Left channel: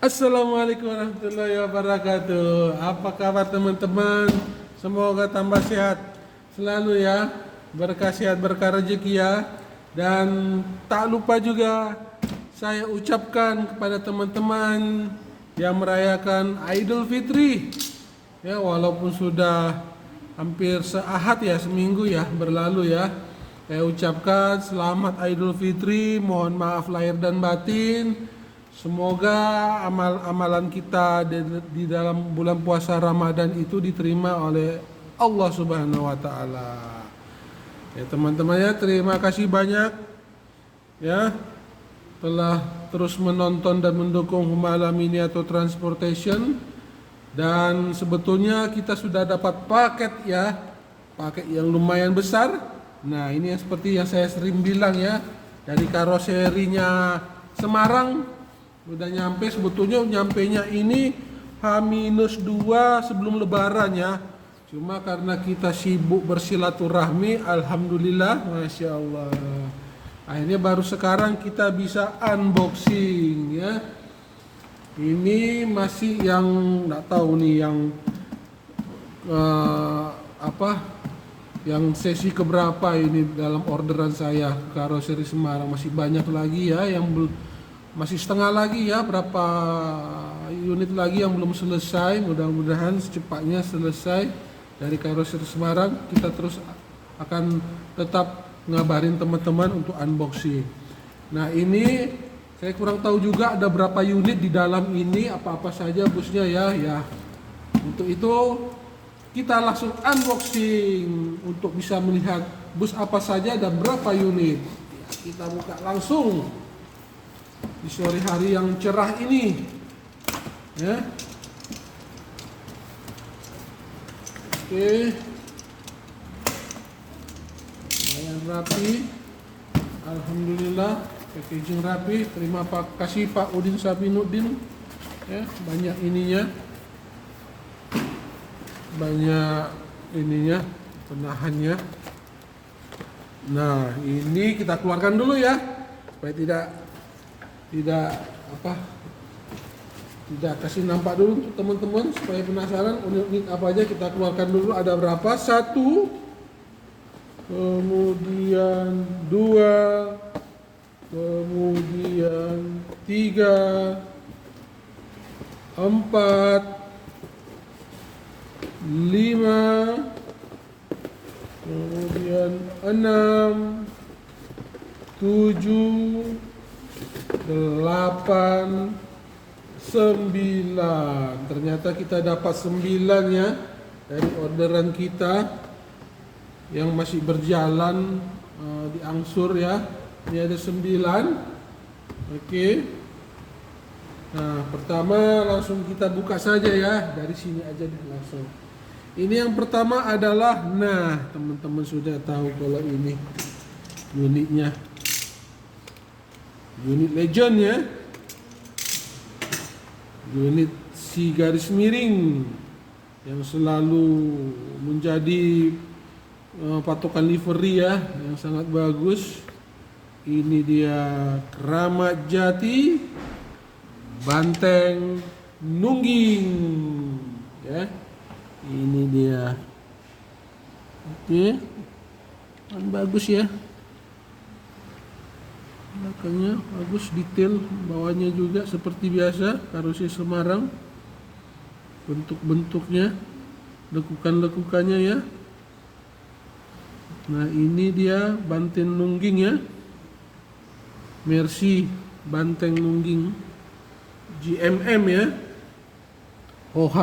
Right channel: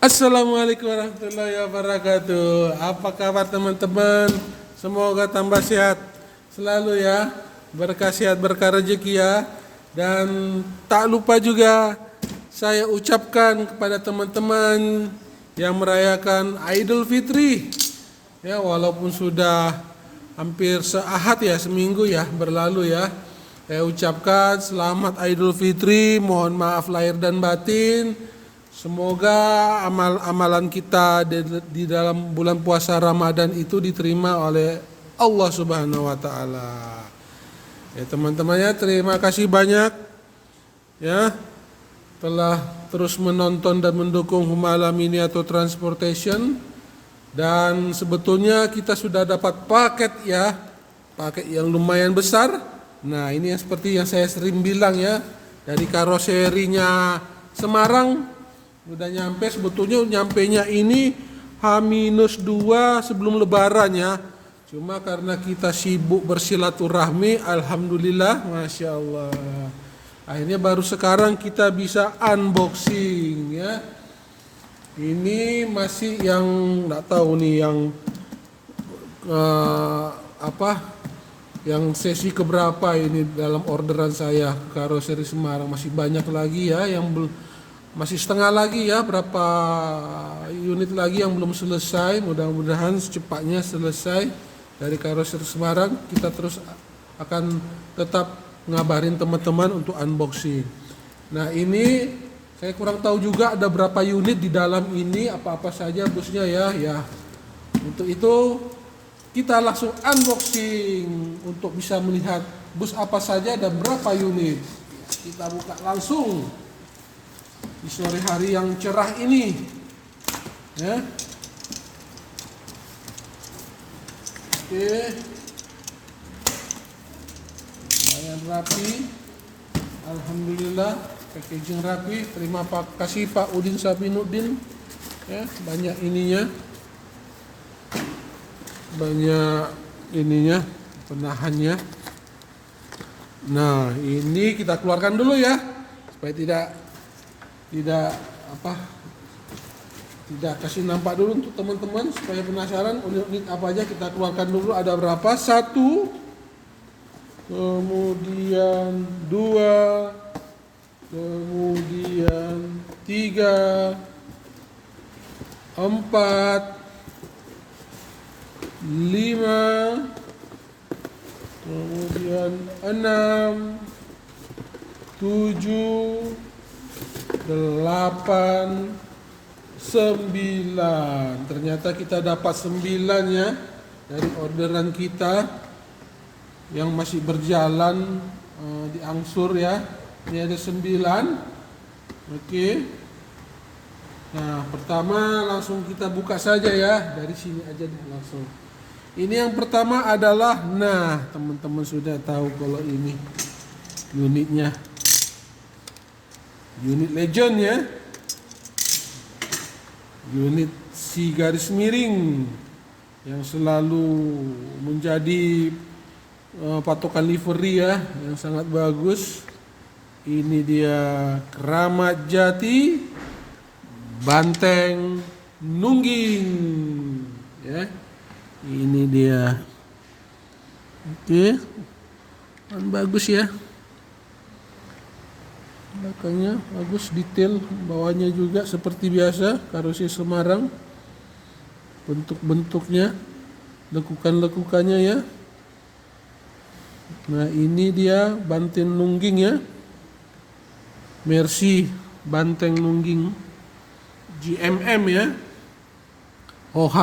Assalamualaikum warahmatullahi wabarakatuh. Apa kabar teman-teman? Semoga tambah sehat selalu ya. Berkah sehat, berkah rezeki ya. Dan tak lupa juga saya ucapkan kepada teman-teman yang merayakan Idul Fitri. Ya, walaupun sudah hampir seahad ya, seminggu ya berlalu ya. Saya ucapkan selamat Idul Fitri, mohon maaf lahir dan batin. Semoga amalan kita di dalam bulan puasa Ramadan itu diterima oleh Allah Subhanahu wa taala. Ya teman-temannya, terima kasih banyak ya telah terus menonton dan mendukung Humala Mini atau Transportation. Dan sebetulnya kita sudah dapat paket ya, paket yang lumayan besar. Nah, ini yang seperti yang saya sering bilang ya, dari karoserinya Semarang udah nyampe. Sebetulnya nyampenya ini H-2 sebelum lebaran ya. Cuma karena kita sibuk bersilaturahmi, alhamdulillah, masya Allah. Akhirnya baru sekarang kita bisa unboxing ya. Ini masih yang nggak tahu nih yang yang sesi keberapa ini dalam orderan saya karoseri Semarang. Masih banyak lagi ya yang belum, masih setengah lagi ya, berapa unit lagi yang belum selesai. Mudah-mudahan secepatnya selesai dari karoseri Semarang. Kita terus akan tetap ngabarin teman-teman untuk unboxing. Nah, ini saya kurang tahu juga ada berapa unit di dalam ini, apa-apa saja busnya ya. Untuk itu kita langsung unboxing untuk bisa melihat bus apa saja dan berapa unit. Kita buka langsung di sore hari yang cerah ini ya. Oke, yang rapi, alhamdulillah, packaging rapi. Terima kasih Pak Udin Sabinuddin ya, banyak penahannya. Nah, ini kita keluarkan dulu ya supaya tidak kasih nampak dulu untuk teman-teman supaya penasaran unit apa aja. Kita keluarkan dulu ada berapa. 1, kemudian 2, kemudian 3, 4, 5, kemudian 6, 7, 8, 9. Ternyata kita dapat 9 ya dari orderan kita yang masih berjalan diangsur ya. Ini ada 9. Oke. Nah, pertama langsung kita buka saja ya, dari sini aja deh langsung. Ini yang pertama adalah, nah teman-teman sudah tahu kalau ini unitnya, unit legend ya, unit si garis miring yang selalu menjadi patokan livery ya, yang sangat bagus. Ini dia Kramat Jati Banteng Nungging ya. Ini dia. Oke. Dan bagus ya. Belakangnya bagus, detail bawahnya juga seperti biasa karoseri Semarang. Bentuk-bentuknya, lekukan-lekukannya ya. Nah, ini dia Banteng Nungging ya. Mercy Banteng Nungging GMM ya. OH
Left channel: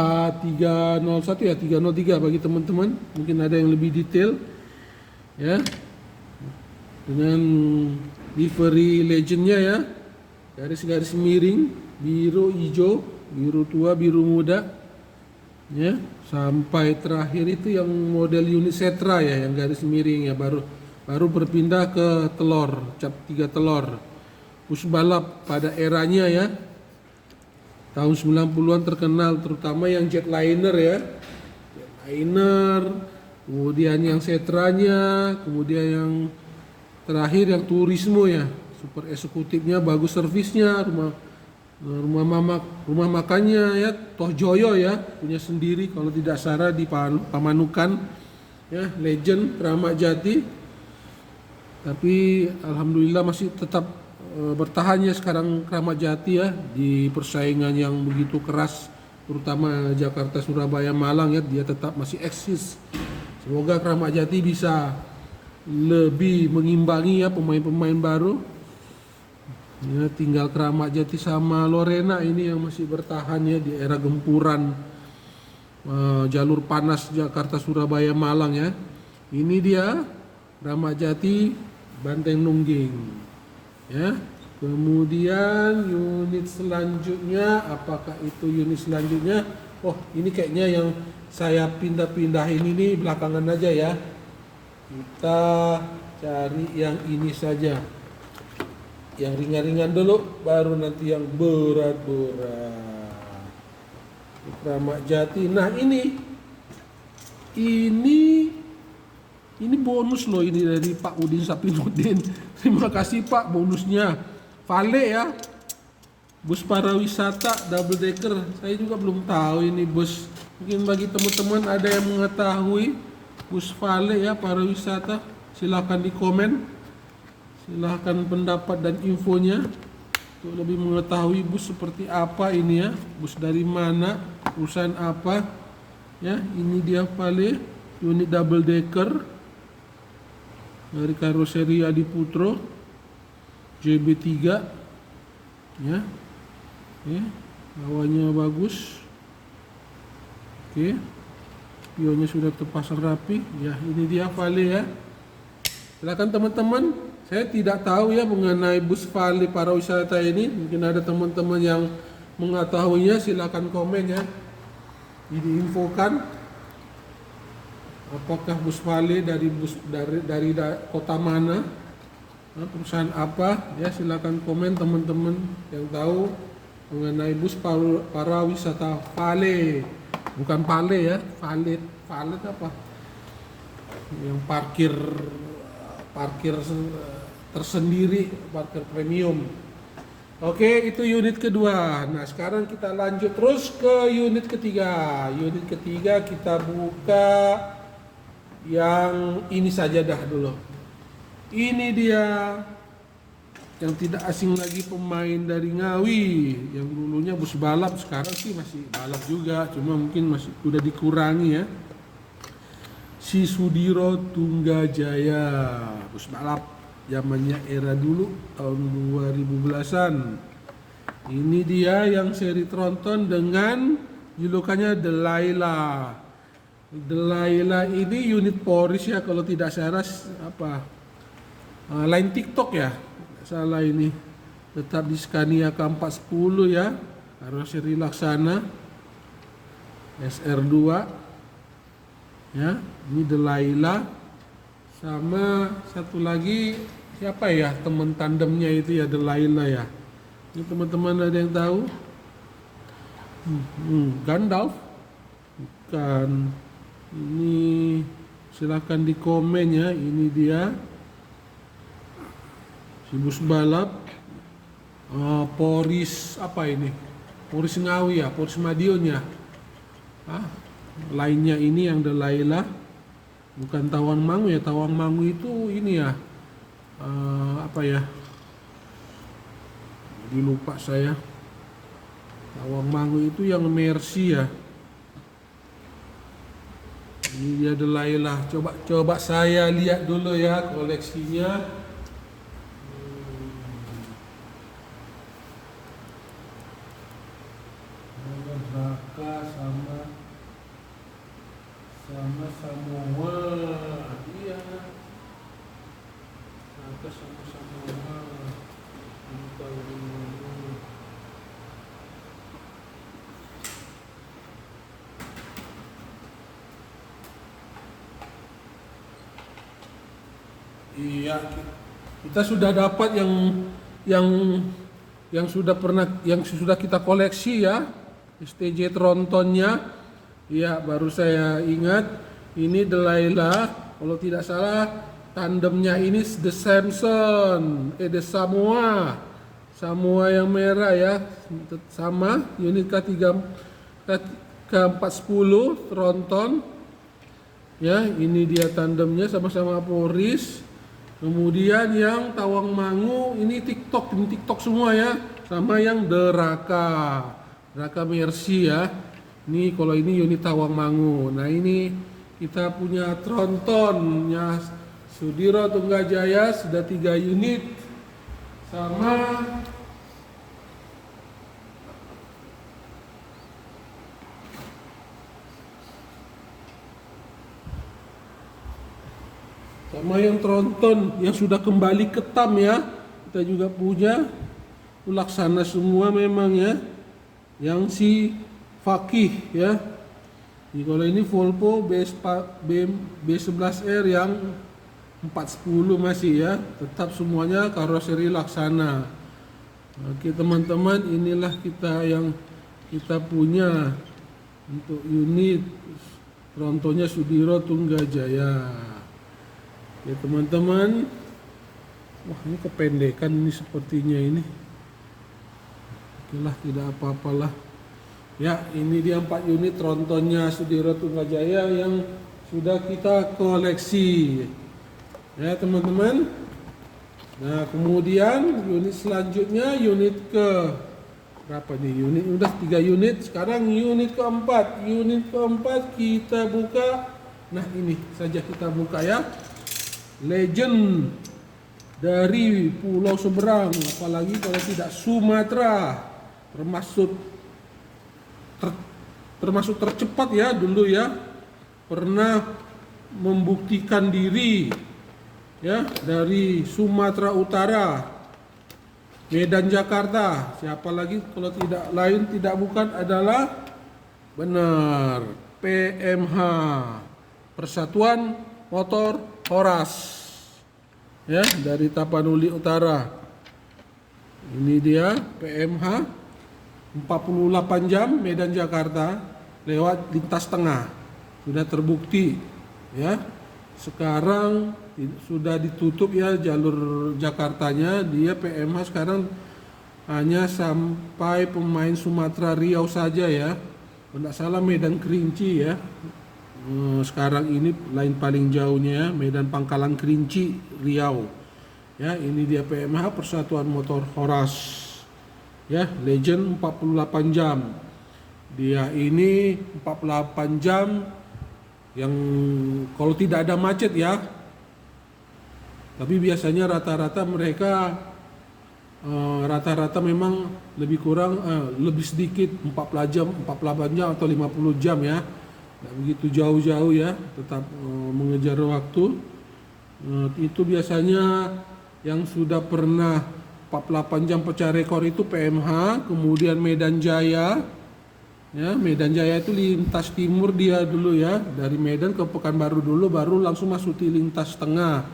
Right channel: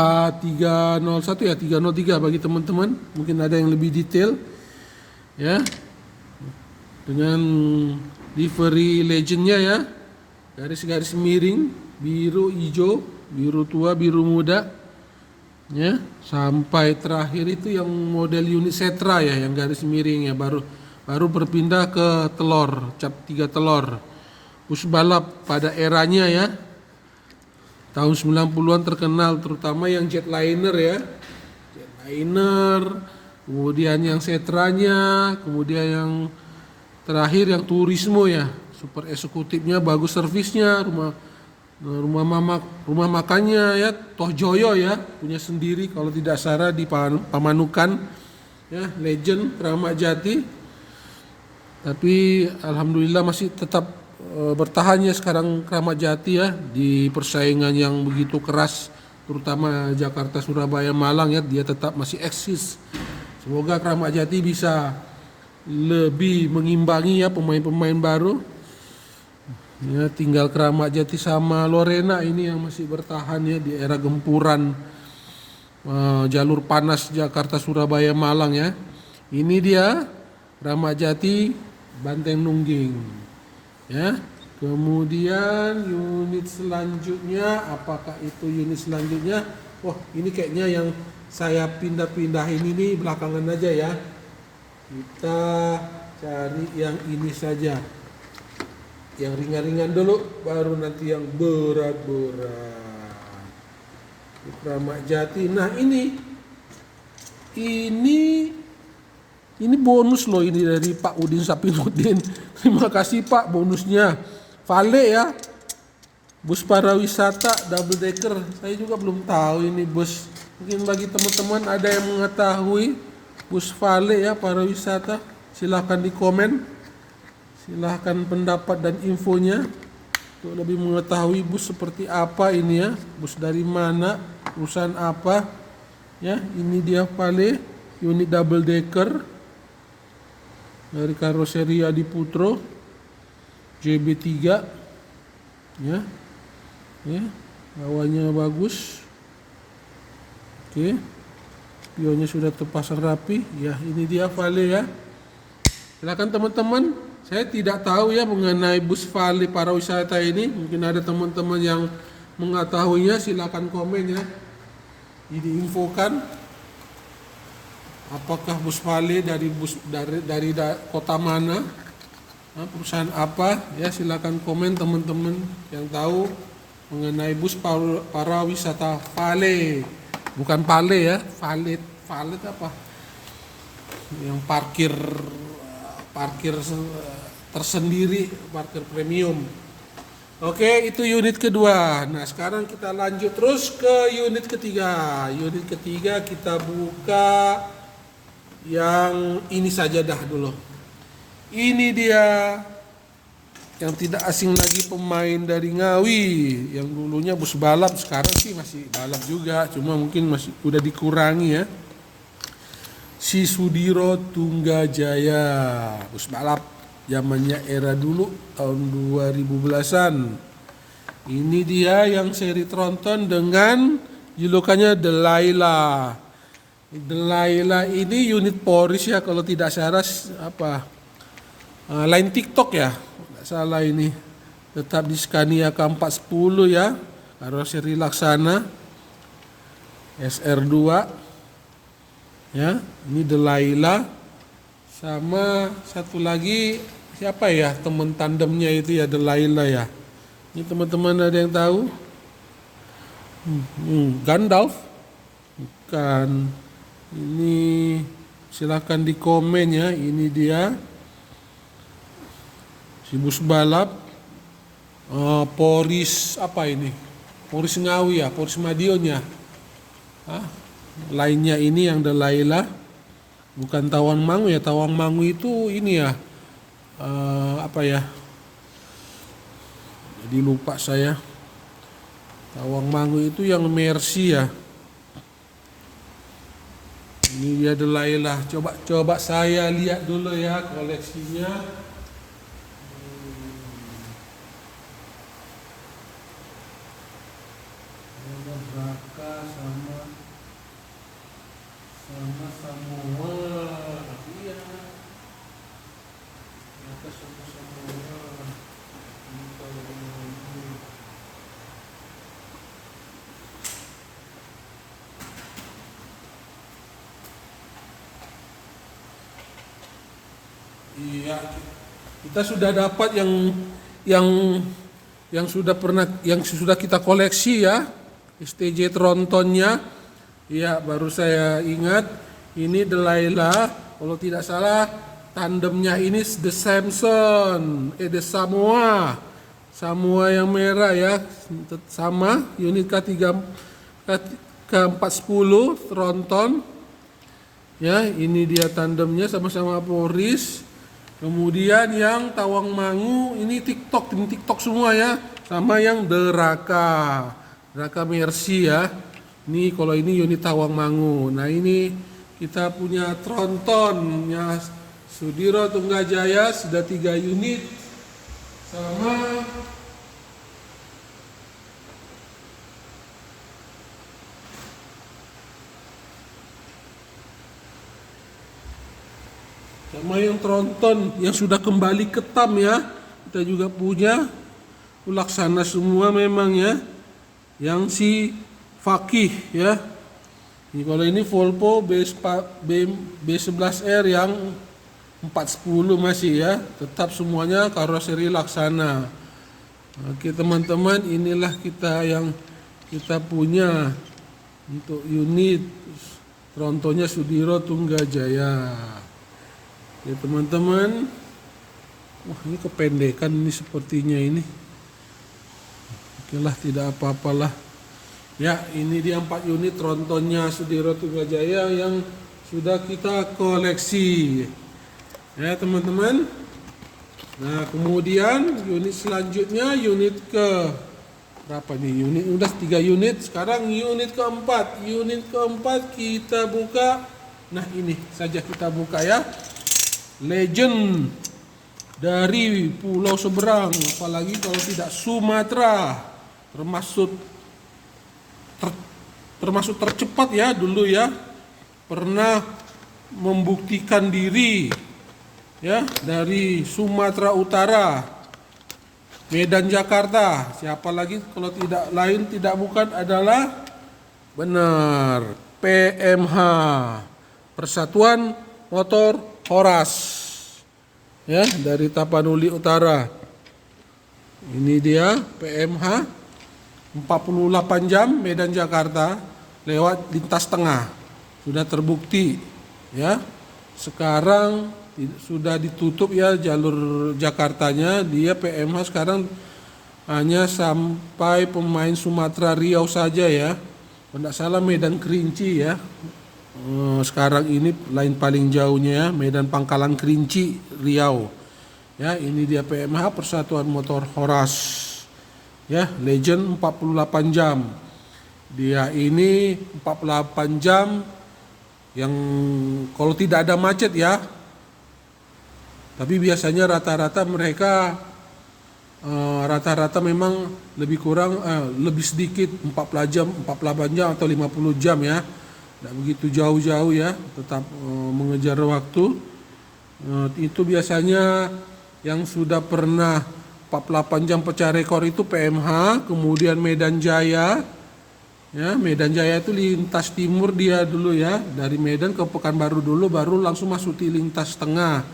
301 ya, 303 bagi teman-teman, mungkin ada yang lebih detail ya, dengan livery legendnya ya, garis-garis miring biru hijau, biru tua, biru muda ya, sampai terakhir itu yang model unit Setra ya, yang garis miring ya, baru berpindah ke telur, cap 3 telur bus balap pada eranya ya. Tahun 90-an terkenal, terutama yang jetliner ya. Jetliner, kemudian yang Setranya, kemudian yang terakhir yang Turismo ya. Super eksekutifnya bagus, servisnya, rumah Rumah makannya ya Toh Joyo ya, punya sendiri kalau tidak salah di Pamanukan ya, legend Kramat Jati. Tapi alhamdulillah masih tetap bertahan ya sekarang Kramat Jati ya, di persaingan yang begitu keras terutama Jakarta, Surabaya, Malang ya, dia tetap masih eksis. Semoga Kramat Jati bisa lebih mengimbangi ya pemain-pemain baru. Ya, tinggal Kramat Jati sama Lorena ini yang masih bertahan ya di era gempuran jalur panas Jakarta, Surabaya, Malang ya. Ini dia Kramat Jati, Banteng Nungging. Ya. Kemudian unit selanjutnya, apakah itu unit selanjutnya? Wah, ini kayaknya yang saya pindah-pindahin ini belakangan aja ya. Kita cari yang ini saja. Yang ringan-ringan dulu, baru nanti yang berat-berat. Kramat Jati. Nah ini bonus loh, ini dari Pak Udin Sapinuddin. Terima kasih Pak, bonusnya. Vale ya, bus parawisata double decker. Saya juga belum tahu ini bus. Mungkin bagi teman-teman ada yang mengetahui bus Vale ya parawisata, silahkan di komen. Silahkan pendapat dan infonya untuk lebih mengetahui bus seperti apa ini ya, bus dari mana, perusahaan apa ya. Ini dia Vale unit double decker dari karoseri Adi Putro JB3 ya. Bawahnya bagus, oke, pionnya sudah terpasang rapi ya. Ini dia Vale ya. Silakan teman-teman. Saya tidak tahu ya mengenai bus Vale parawisata ini. Mungkin ada teman-teman yang mengetahuinya, silakan komen ya. Diinfokan apakah bus Vale dari kota mana, perusahaan apa ya, silakan komen teman-teman yang tahu mengenai bus parawisata Vale. Bukan Vale ya, Vale apa? Yang parkir tersendiri, parkir premium. Oke, itu unit kedua. Nah, sekarang kita lanjut terus ke unit ketiga. Unit ketiga kita buka yang ini saja dah dulu. Ini dia yang tidak asing lagi, pemain dari Ngawi yang dulunya bus balap, sekarang sih masih balap juga, cuma mungkin masih udah dikurangi ya. Si Sudiro Tunggajaya, bus balap zamannya era dulu tahun 2010-an. Ini dia yang seri tronton dengan julukannya Delilah. Delilah ini unit Porsche ya kalau tidak salah, line TikTok ya, tidak salah ini. Tetap di Scania K410 ya, karoseri Laksana SR2 ya. Ini Delilah. Sama satu lagi siapa ya teman tandemnya itu ya, Delilah ya. Ini teman-teman ada yang tahu? Gandalf? Bukan. Ini silahkan di komen ya. Ini dia si bus balap Poris apa ini? Poris Ngawi ya, Poris Madionnya. Lainnya ini yang Delilah. Bukan Tawang Mangu ya, Tawang Mangu itu ini ya, jadi lupa saya. Tawang Mangu itu yang Mercy ya. Ini dia Delilah. Coba saya lihat dulu ya koleksinya. Braka sama Samoa. Iya. Braka sama Samoa. Ini kalau ini. Iya, kita sudah dapat yang sudah kita koleksi ya, STJ Trontonnya. Ya, baru saya ingat ini Delilah, kalau tidak salah tandemnya ini The Samoa semua yang merah ya, sama unit K410 tronton ya. Ini dia tandemnya sama-sama Poris. Kemudian yang Tawangmangu ini TikTok semua ya, sama yang Deraka Mercy ya. Ini kalau ini unit Tawangmangu. Nah ini kita punya trontonnya Sudiro Tunggajaya sudah 3 unit, sama yang tronton yang sudah kembali ke TAM ya. Kita juga punya Laksana semua memang ya, yang si Fakih ya. Jadi kalau ini Volvo B11R yang 410 masih ya, tetap semuanya karoseri Laksana. Oke teman-teman, inilah yang kita punya untuk unit trontonnya Sudiro Tunggajaya. Ya teman-teman, wah ini kependekan ini sepertinya ini. Oke lah, tidak apa-apalah. Ya ini dia 4 unit trontonnya Sudiro Tunggajaya yang sudah kita koleksi. Ya teman-teman. Nah kemudian unit selanjutnya unit ke berapa nih? Unit udah 3 unit. Sekarang unit keempat. Unit keempat kita buka. Nah ini saja kita buka ya. Legend dari pulau seberang, apalagi kalau tidak Sumatera, termasuk tercepat ya dulu ya, pernah membuktikan diri ya dari Sumatera Utara, Medan, Jakarta. Siapa lagi kalau tidak lain tidak bukan adalah benar PMH, Persatuan Motor Horas ya, dari Tapanuli Utara. Ini dia PMH 48 jam Medan Jakarta lewat lintas tengah, sudah terbukti ya. Sekarang sudah ditutup ya jalur Jakartanya, dia PMH sekarang hanya sampai pemain Sumatera Riau saja ya, kalau tidak salah Medan Kerinci ya. Sekarang ini lain paling jauhnya ya, Medan Pangkalan Kerinci Riau ya. Ini dia PMH Persatuan Motor Horas ya, Legend 48 jam. Dia ini 48 jam yang kalau tidak ada macet ya, tapi biasanya rata-rata mereka rata-rata memang lebih kurang lebih sedikit 48 jam atau 50 jam ya. Tidak begitu jauh-jauh ya, tetap mengejar waktu. Itu biasanya yang sudah pernah 48 jam pecah rekor itu PMH, kemudian Medan Jaya. Ya, Medan Jaya itu lintas timur dia dulu ya, dari Medan ke Pekanbaru dulu, baru langsung masuk di lintas tengah.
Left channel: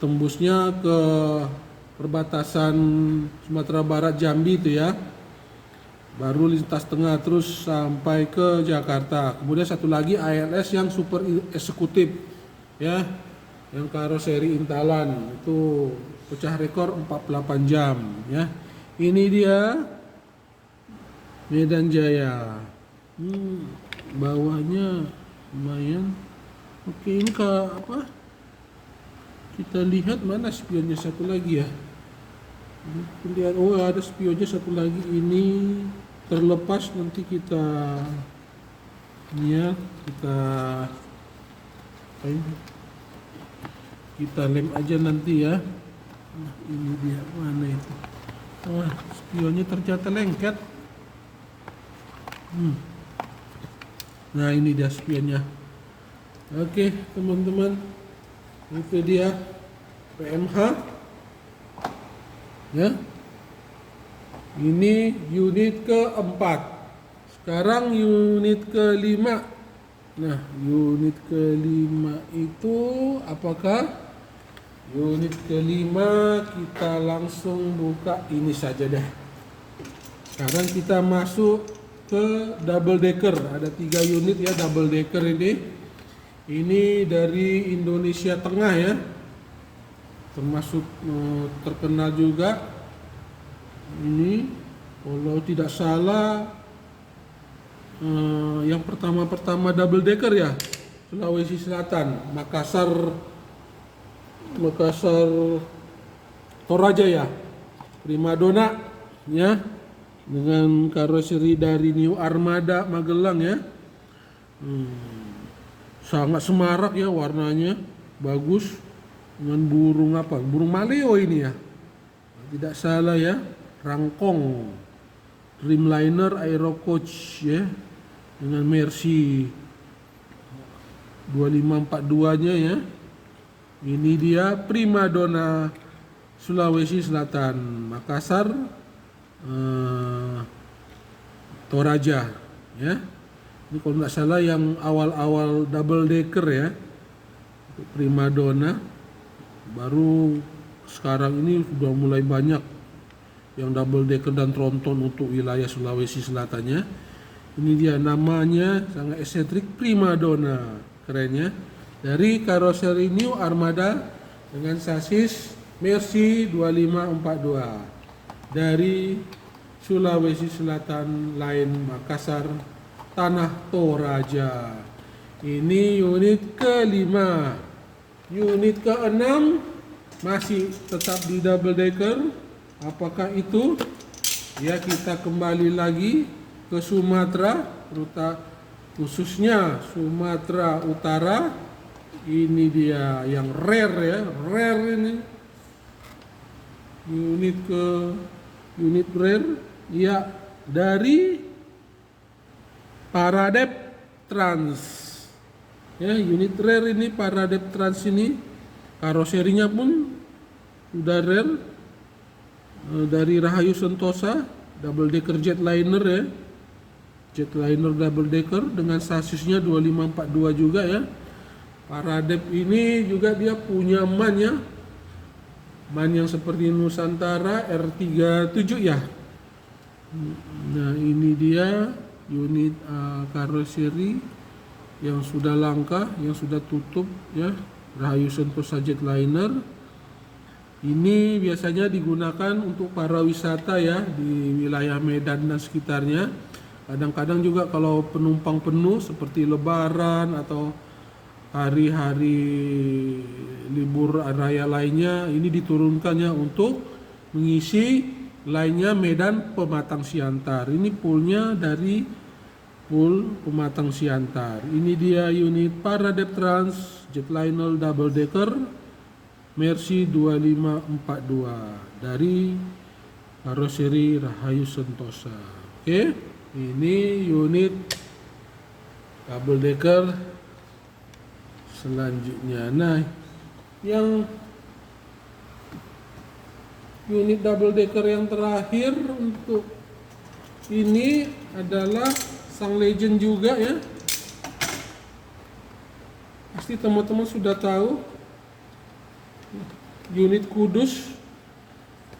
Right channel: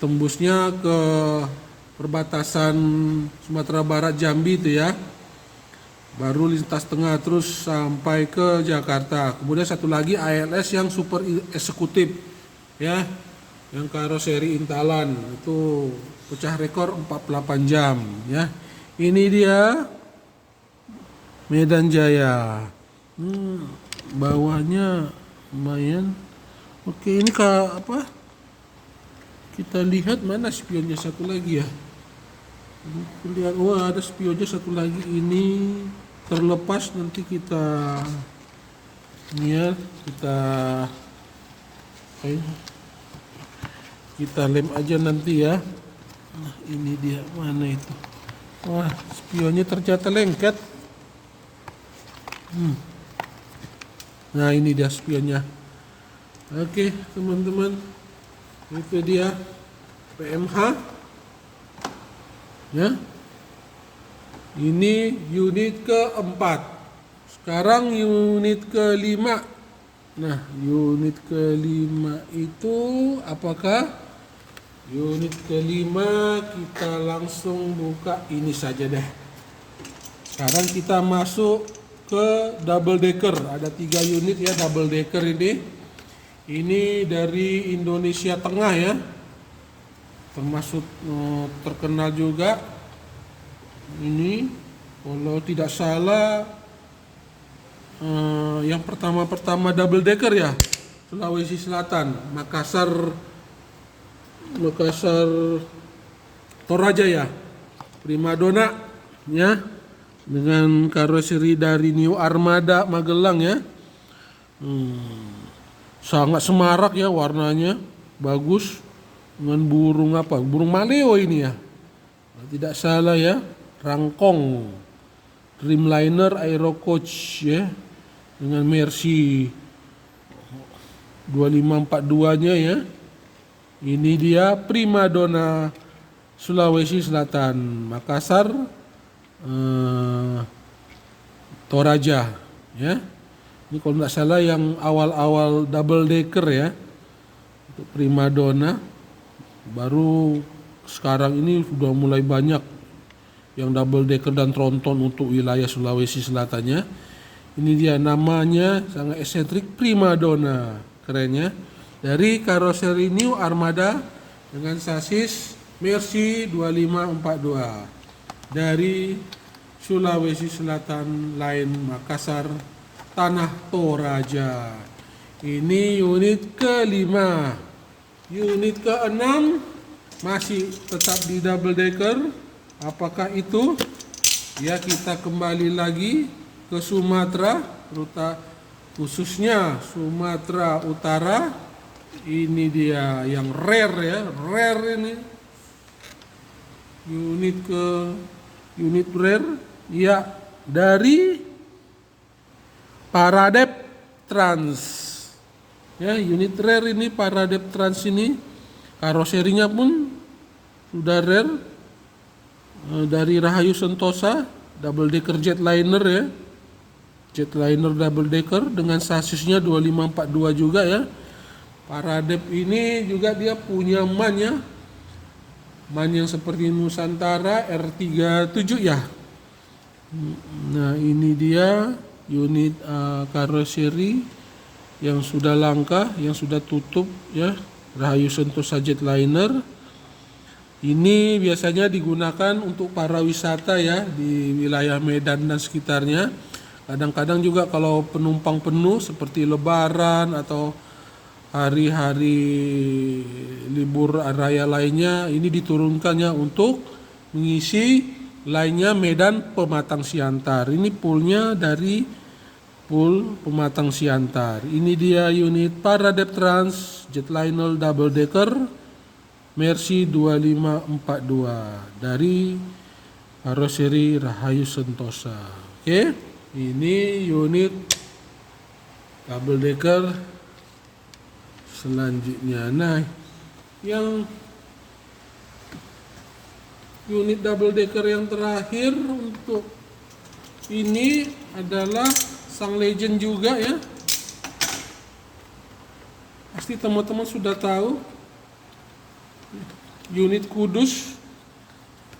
Tembusnya ke perbatasan Sumatera Barat Jambi itu ya. Baru lintas tengah terus sampai ke Jakarta. Kemudian satu lagi ALS yang super eksekutif ya, yang karoseri Intalan, itu pecah rekor 48 jam ya. Ini dia Medan Jaya. Bawahnya lumayan. Oke, ini apa? Kita lihat mana spionnya satu lagi ya. Lihat, wah ada spionnya satu lagi, ini terlepas, nanti kita ya, kita lem aja nanti ya. Nah ini dia, mana itu, wah spionnya ternyata lengket. Nah ini dia spionnya. Oke teman-teman, itu dia PMH ya. Ini unit keempat. Sekarang unit kelima. Nah unit kelima itu apakah? Unit kelima kita langsung buka ini saja deh. Sekarang kita masuk ke double decker. Ada 3 unit ya double decker ini. Ini dari Indonesia Tengah ya. termasuk terkenal juga. Ini kalau tidak salah yang pertama double decker ya, Sulawesi Selatan, Makassar Toraja ya, Primadona ya, dengan karoseri dari New Armada Magelang ya. Sangat semarak ya warnanya, bagus, dengan burung maleo ini ya, tidak salah ya, rangkong Dreamliner Aero Coach ya, dengan Mercy 2542 nya ya. Ini dia Primadona Sulawesi Selatan, Makassar Toraja ya. Ini kalau nggak salah yang awal-awal double decker ya, untuk Primadona. Baru sekarang ini sudah mulai banyak yang double decker dan tronton untuk wilayah Sulawesi Selatannya. Ini dia namanya, sangat eksentrik, Primadona, kerennya, dari karoseri New Armada dengan sasis Mercy 2542 dari Sulawesi Selatan lain, Makassar, Tanah Toraja. Ini unit kelima. Unit keenam masih tetap di double decker. Apakah itu? Ya, kita kembali lagi ke Sumatera, khususnya Sumatera Utara. Ini dia yang rare ya, rare ini. Unit rare ya, dari Paradep Trans ya. Unit rare ini Paradep Trans ini, karoserinya pun sudah rare, dari Rahayu Sentosa, double decker jetliner ya, jetliner double decker dengan sasisnya 2542 juga ya. Paradep ini juga dia punya man ya, man yang seperti Nusantara R37 ya. Nah, ini dia unit karoseri yang sudah langka, yang sudah tutup ya, Rahayu Sentosa jetliner. Ini biasanya digunakan untuk para wisata ya, di wilayah Medan dan sekitarnya. Kadang-kadang juga kalau penumpang penuh seperti Lebaran atau hari-hari libur raya lainnya, ini diturunkannya untuk mengisi lainnya Medan Pematang Siantar. Ini poolnya dari pool Pematang Siantar. Ini dia unit Paradep Trans jetliner double decker Mercy 2542 dari karoseri Rahayu Sentosa. Oke, ini unit double decker selanjutnya. Nah, yang unit double decker yang terakhir untuk ini adalah sang legend juga ya. Pasti teman-teman sudah tahu, unit Kudus,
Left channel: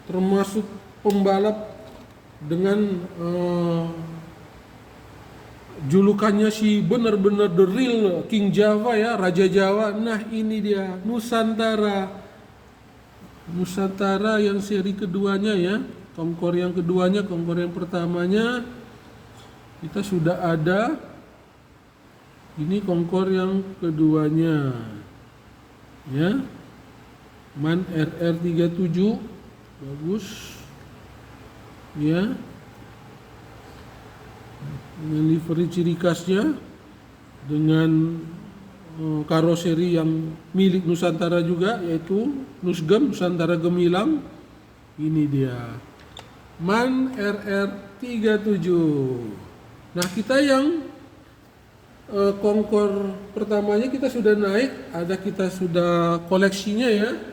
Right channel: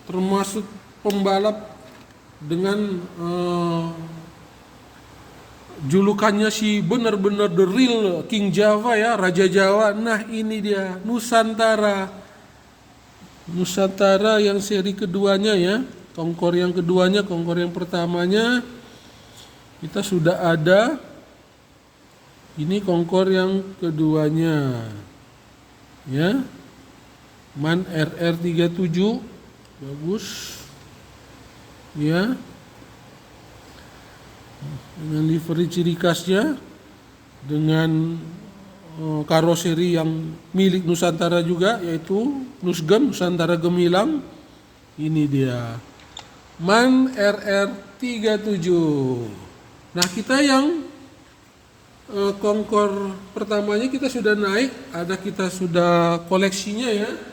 termasuk pembalap dengan julukannya si benar-benar the real King Java ya, Raja Jawa. Nah, ini dia Nusantara yang seri keduanya ya, Kongkor yang keduanya. Kongkor yang pertamanya kita sudah ada, ini Kongkor yang keduanya ya, MAN RR37, bagus ya, dengan livery ciri khasnya, dengan karoseri yang milik Nusantara juga, yaitu Nusgem, Nusantara Gemilang. Ini dia MAN RR37. Nah, kita yang Kongkor pertamanya kita sudah naik, kita sudah koleksinya ya.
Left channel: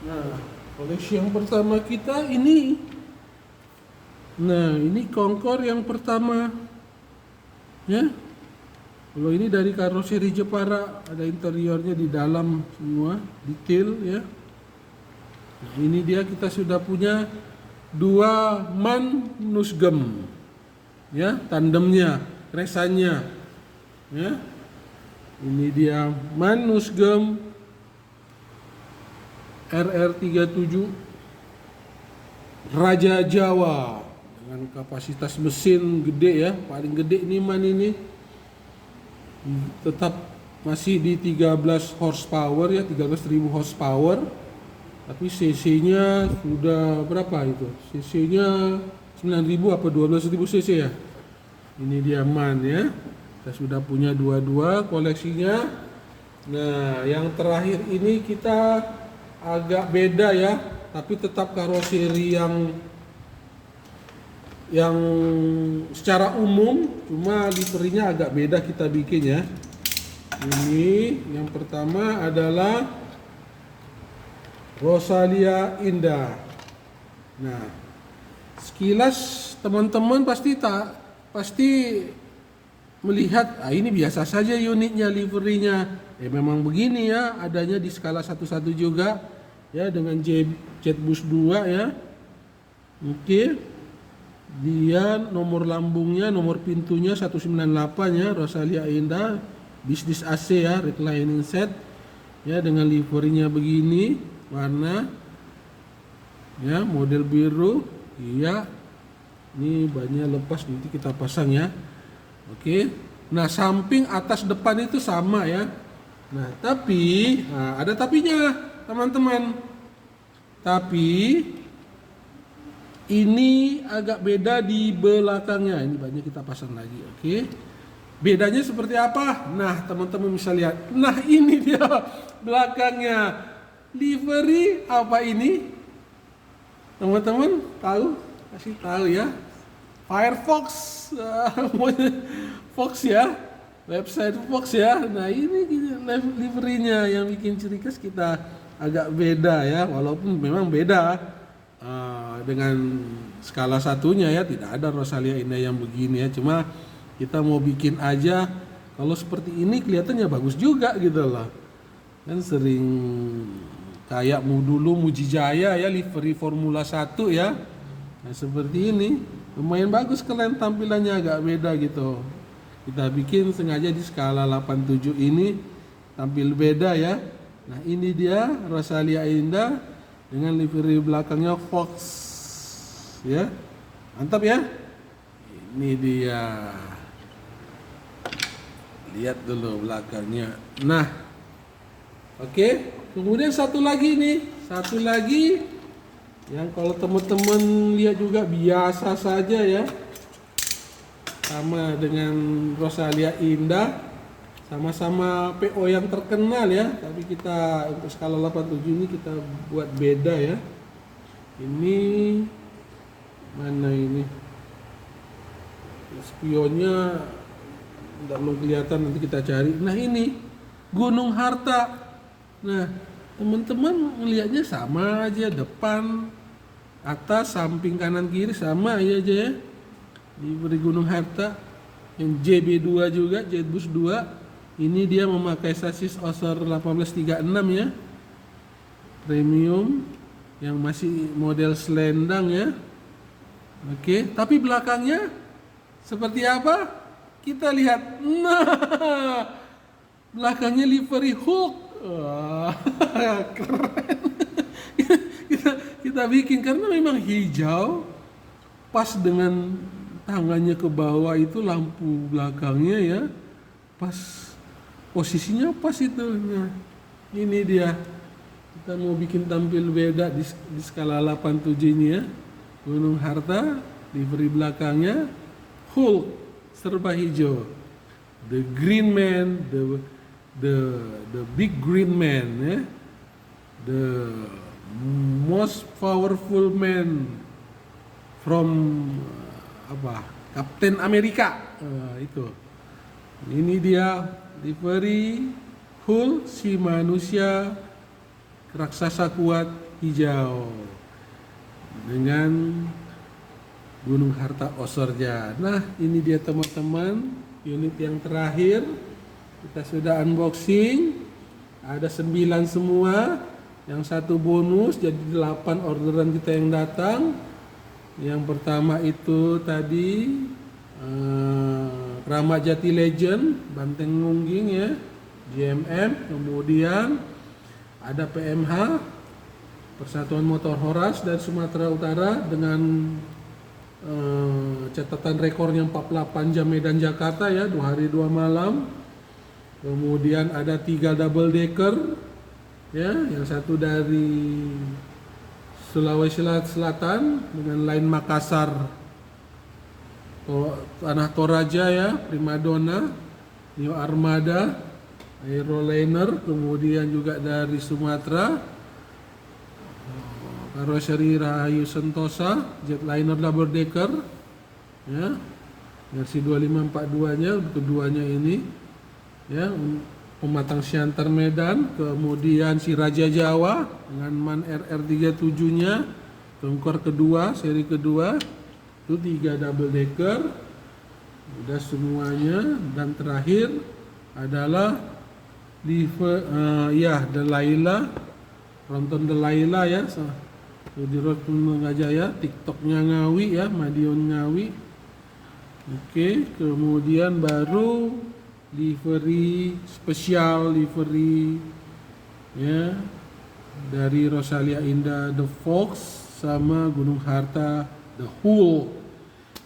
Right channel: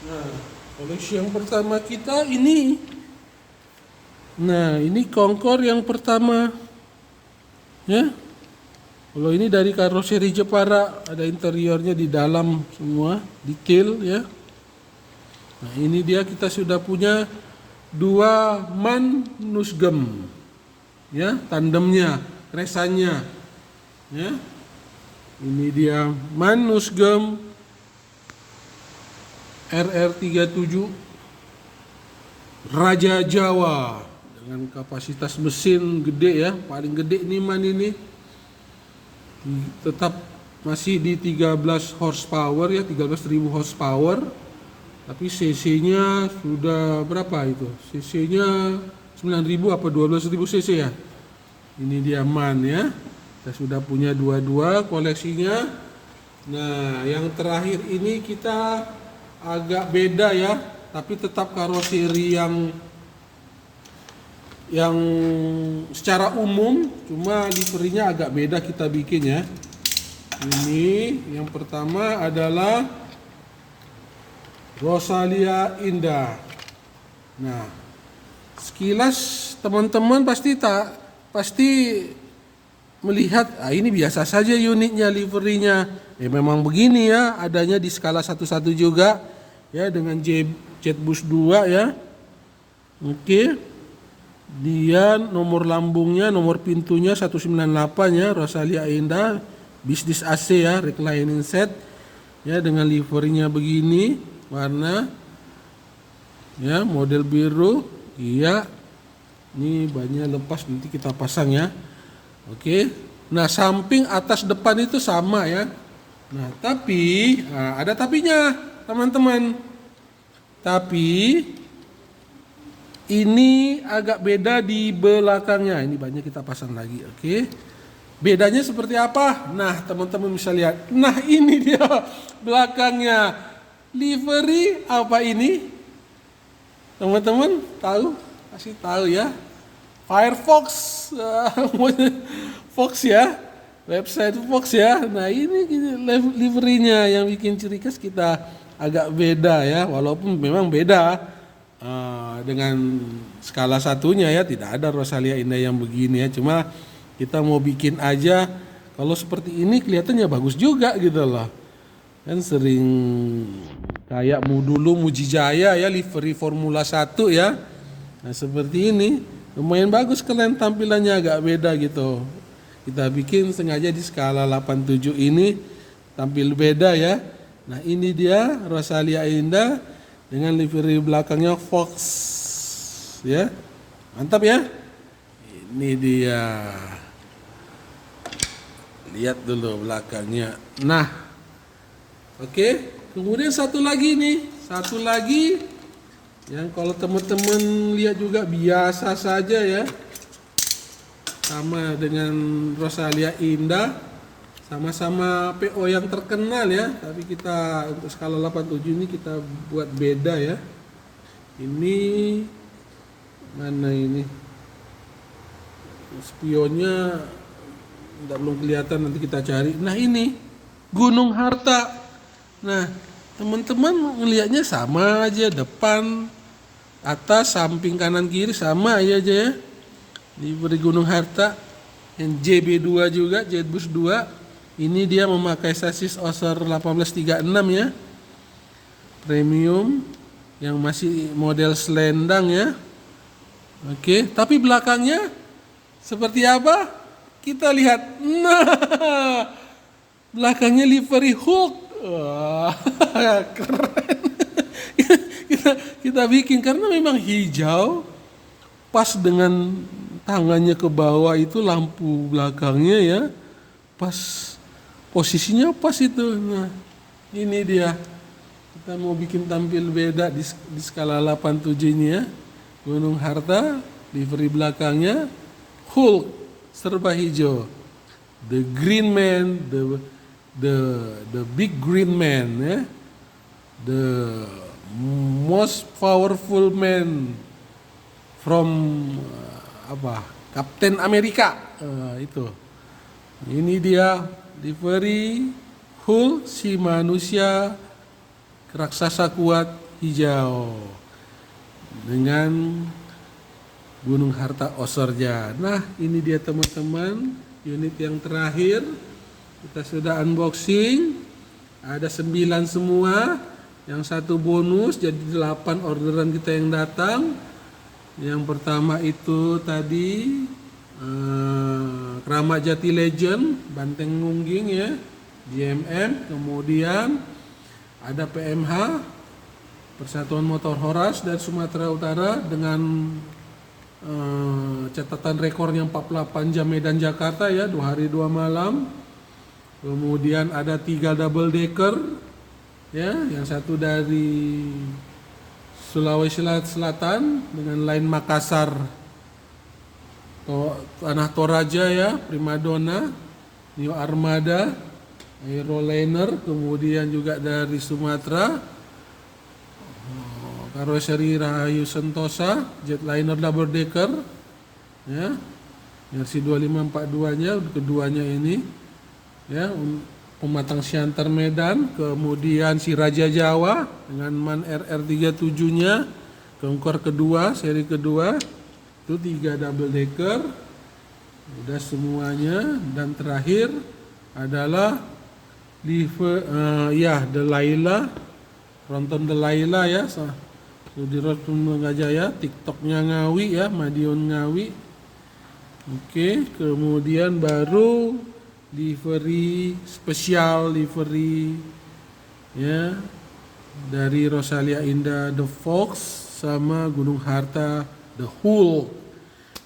Nah, koleksi yang pertama kita ini. Nah, ini Kongkor yang pertama ya. Kalau ini dari karoseri Jepara, ada interiornya di dalam semua, detail ya. Nah, ini dia kita sudah punya dua MAN Nusgem, ya, tandemnya, resannya, ya. Ini dia MAN Nusgem RR37 Raja Jawa dengan kapasitas mesin gede ya, paling gede nih MAN ini. Tetap masih di 13 horsepower ya, 13.000 horsepower. Tapi cc-nya sudah berapa itu? Cc-nya 9.000 apa 12.000 cc ya? Ini dia MAN ya. Kita sudah punya dua-dua koleksinya. Nah, yang terakhir ini kita agak beda ya, tapi tetap karoseri yang secara umum, cuma liverinya agak beda kita bikin ya. Ini yang pertama adalah Rosalia Indah. Nah, sekilas teman-teman pasti melihat, ini biasa saja unitnya, liverinya. Ya memang begini ya, adanya di skala 11 juga ya, dengan Jetbus 2 ya. Oke. Dia nomor lambungnya, nomor pintunya 198 ya, Rosalia Indah, bisnis AC ya, reclining set ya, dengan liverinya begini, warna ya, model biru. Iya, ini bannya lepas, nanti kita pasang ya. Oke. Nah, samping atas depan itu sama ya. Nah, tapi ada tapinya teman-teman. Tapi ini agak beda di belakangnya. Ini banyak kita pasang lagi. Oke. Bedanya seperti apa? Nah, teman-teman bisa lihat. Nah, ini dia belakangnya. Livery apa ini? Teman-teman tahu? Pasti tahu ya. Firefox. Fox ya. Website Fox ya. Nah, ini liverynya yang bikin ciri khas kita agak beda ya. Walaupun memang beda. Dengan skala satunya ya, tidak ada Rosalia Indah yang begini ya, cuma kita mau bikin aja kalau seperti ini kelihatannya bagus juga gitu loh. Kan sering kayak dulu Mujijaya ya, livery Formula 1 ya. Nah, seperti ini lumayan bagus, keren, tampilannya agak beda gitu. Kita bikin sengaja di skala 87 ini tampil beda ya. Nah, ini dia Rosalia Indah dengan livery belakangnya Fox ya, mantap ya. Ini dia, lihat dulu belakangnya. Nah, oke. Kemudian satu lagi yang kalau teman-teman lihat juga biasa saja ya, sama dengan Rosalia Indah, sama-sama PO yang terkenal ya, tapi kita untuk skala 87 ini kita buat beda ya. Ini mana ini? Spionnya tidak belum kelihatan, nanti kita cari. Nah, ini Gunung Harta. Nah, teman-teman ngelihatnya sama aja, depan, atas, samping, kanan, kiri sama aja ya. Livery Gunung Harta yang JB2 juga, Jetbus 2. Ini dia memakai sasis Osor 1836 ya, premium yang masih model selendang ya. Oke, tapi belakangnya seperti apa? Kita lihat. Nah, belakangnya livery Hulk. Wah, keren. kita bikin karena memang hijau, pas dengan tangannya ke bawah itu lampu belakangnya ya, pas posisinya pas itu. Nah, ini dia. Kita mau bikin tampil beda di skala 87 ini ya. Gunung Harta, livery belakangnya Hulk serba hijau. The Green Man, the big green man ya. The most powerful man from Captain America. Itu. Ini dia livery Hulk, si manusia raksasa kuat hijau dengan Gunung Harta Osorja. Nah, ini dia teman-teman unit yang terakhir. Kita sudah unboxing. Ada 9 semua. Yang satu bonus, jadi 8 orderan kita yang datang. Yang pertama itu tadi Keramat Jati Legend, Banteng Nungging ya, JMM. Kemudian ada PMH, Persatuan Motor Horas dari Sumatera Utara dengan catatan rekornya 48 jam Medan Jakarta ya, 2 hari 2 malam. Kemudian ada 3 double decker ya, yang satu dari Sulawesi Selatan dengan line Makassar, Tanah Toraja ya, Primadona, New Armada, Aeroliner. Kemudian juga dari Sumatera, karoseri Rahayu Sentosa, Jetliner double decker ya, versi 2542 nya, keduanya ini ya, pematang Siantar Medan. Kemudian si Raja Jawa dengan MAN RR37 nya, Conquer kedua, seri kedua, itu 3 double decker udah semuanya. Dan terakhir adalah Delaila, Ronton Delaila ya, Sudirot Pemungajaya, TikToknya Ngawi ya, Madiun Ngawi. Oke, kemudian baru livery spesial, livery ya dari Rosalia Indah The Fox sama Gunung Harta The Hull.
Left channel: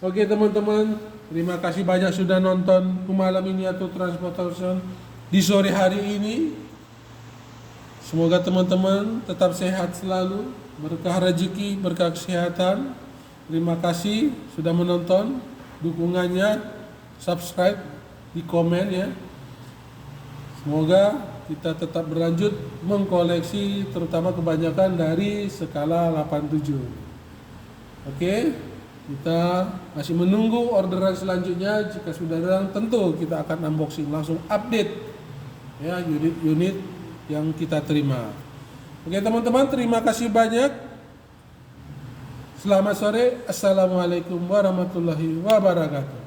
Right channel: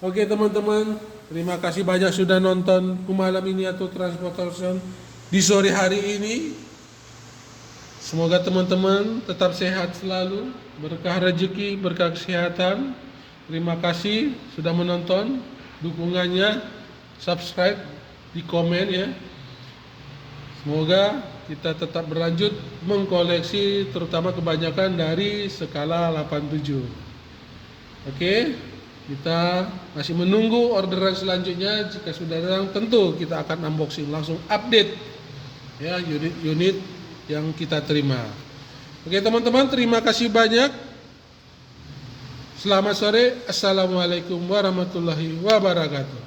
Oke teman-teman, terima kasih banyak sudah nonton malam ini atau Transportation di sore hari ini. Semoga teman-teman tetap sehat selalu, berkah rezeki, berkah kesehatan. Terima kasih sudah menonton, dukungannya, subscribe, di komen ya. Semoga kita tetap berlanjut mengkoleksi, terutama kebanyakan dari skala 87. Oke, kita masih menunggu orderan selanjutnya. Jika sudah datang, tentu kita akan unboxing, langsung update ya unit-unit yang kita terima. Oke teman-teman, terima kasih banyak. Selamat sore. Assalamualaikum warahmatullahi wabarakatuh.